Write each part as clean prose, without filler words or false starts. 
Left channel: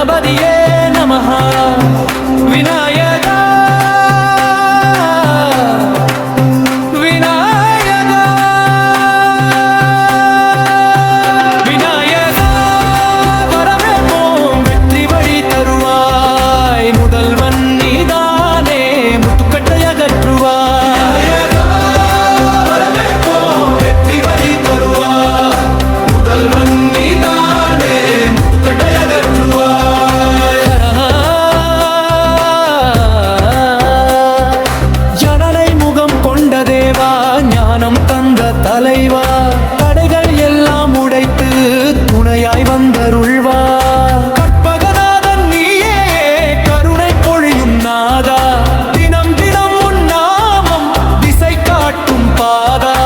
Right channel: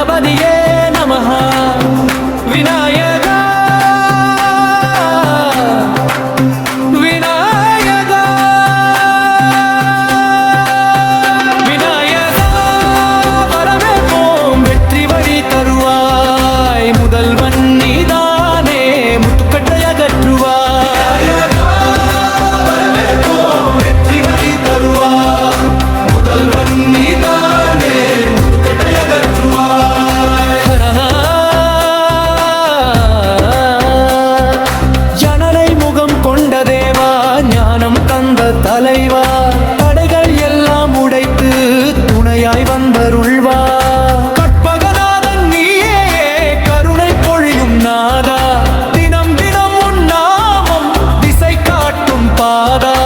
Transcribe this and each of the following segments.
गणपतिये नमः विनायका विनायका विनायका வரவேற்போம் வெற்றி வழி தருவாய் முதல்வன் நீதானே முட்டுக்கட்டை அகற்றுவாய் ஞானம் தந்த தலைவா தடைகள் எல்லாம் உடைத்து துணையாய் வந்தருள்வா கற்பகநாதன் நீயே கருணை பொழியும் நாதா தினம் தினம் உன் நாமம் திசை காட்டும் பாதா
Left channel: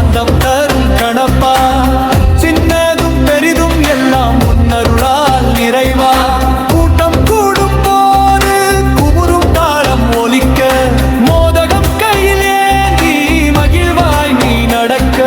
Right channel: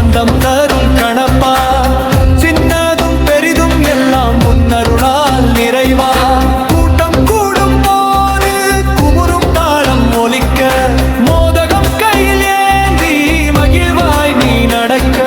சாந்தம் தரும் கணப்பா சின்னதும் பெரிதும் எல்லாம் முன்னருளால் நிறைவா கூட்டம் கூடும் போது குமுறும் தாளம் ஒலிக்க மோதகம் கையில் ஏந்தி மகிழ்வாய் நீ நடக்க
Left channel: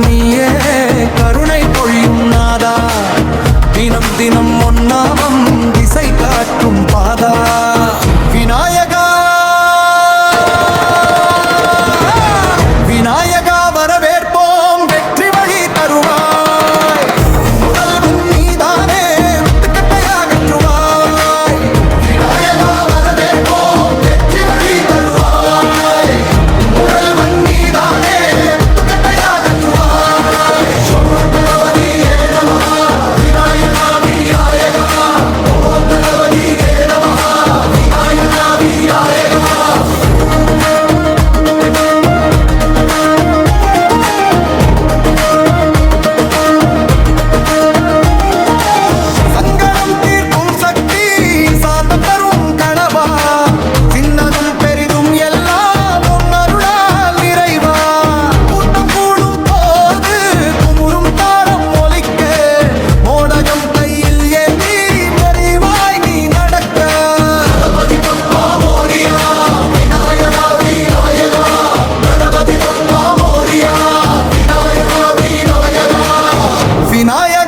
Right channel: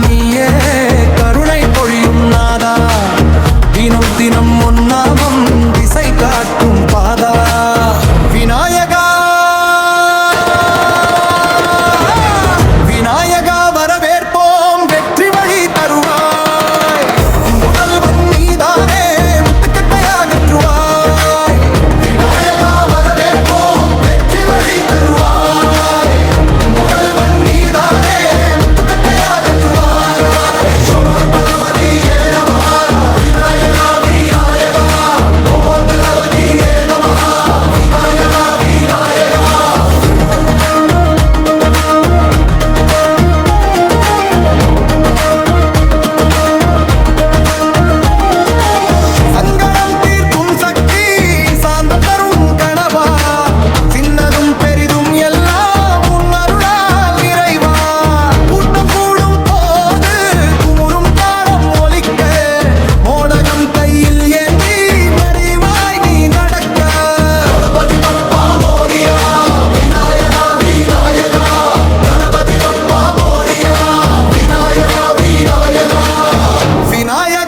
நீயே கருணை பொழியும் நாதா தினம் தினம் முன்னாமம் திசை காட்டும் பாதா விநாயகா விநாயகா வரவேற்போம் வெற்றி வழி தருவாய் முதல்வன் நீதானே முட்டுக்கட்டை அகற்றுவாய் விநாயகா வரவேற்போம் வெற்றி வழி தருவாய் முதல்வன் நீதானே விநாயகா